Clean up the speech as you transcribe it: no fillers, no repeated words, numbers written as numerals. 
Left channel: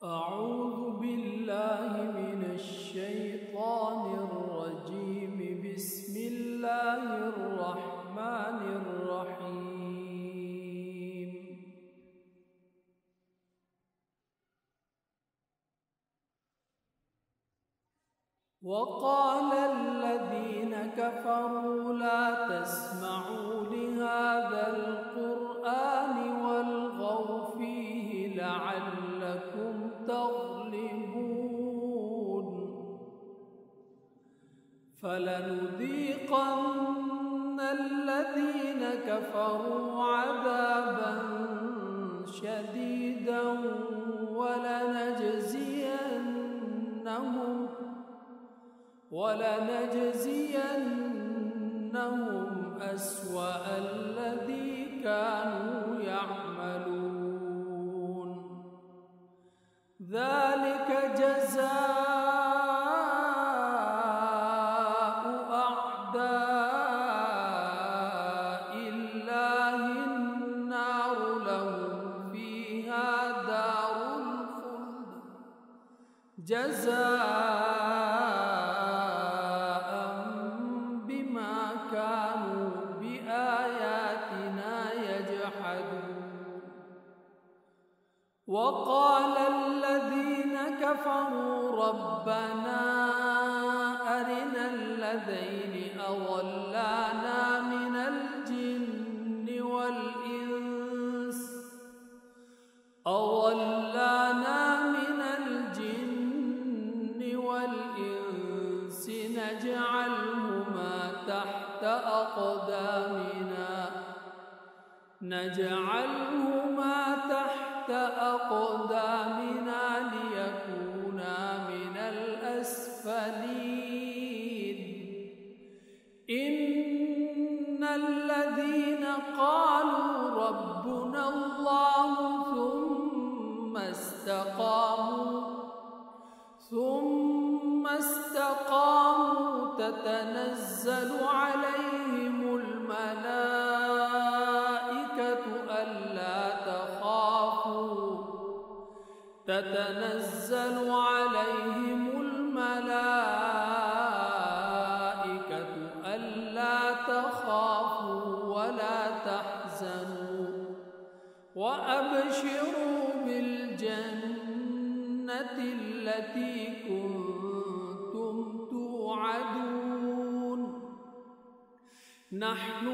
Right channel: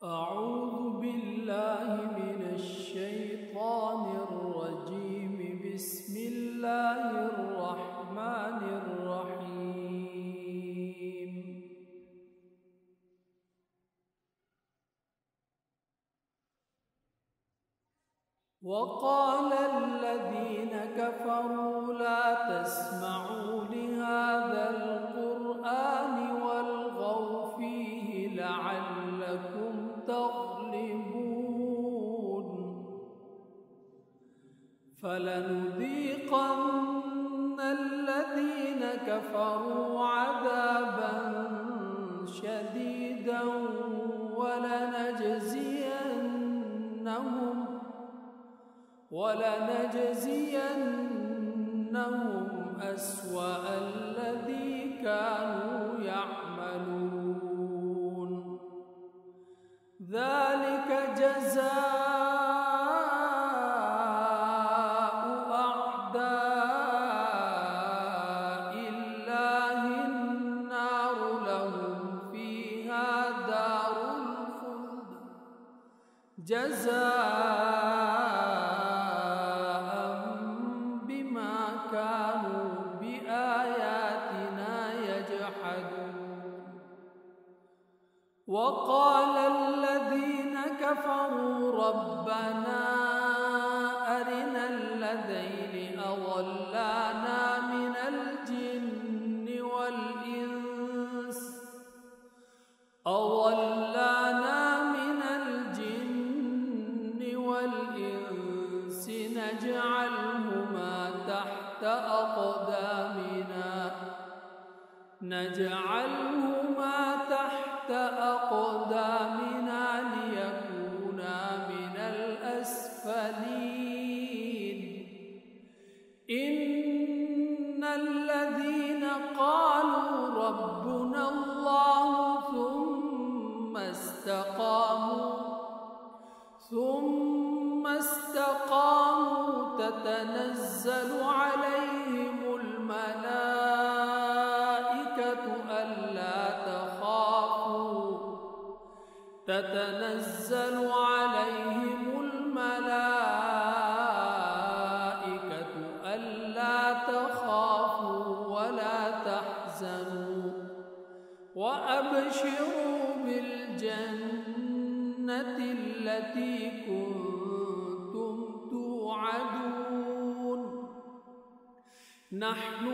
أعوذ بالله من الشيطان الرجيم. بسم الله الرحمن الرحيم. وقال الذين كفروا لا تسمعوا لهذا القرآن والغوا فيه لعلكم تغلبون. فلنذيقن الذين كفروا عذابا شديدا ولنجزينهم أسوأ الذي كانوا يعملون. ذلك جزاء أعداء الله النار لهم فيها دار الخلد جزاء بما كانوا بآياتنا يجحدون. وقال الذين كفروا ربنا أرنا الذين أضلانا من الجن والإنس نجعلهما تحت أقدامنا ليكونا من الأسفلين. إن الذين قالوا ربنا الله ثم استقاموا تتنزل عليهم الملائكة ألا تخافوا ولا تحزنوا وأبشروا بالجنة التي كنتم توعدون. نحن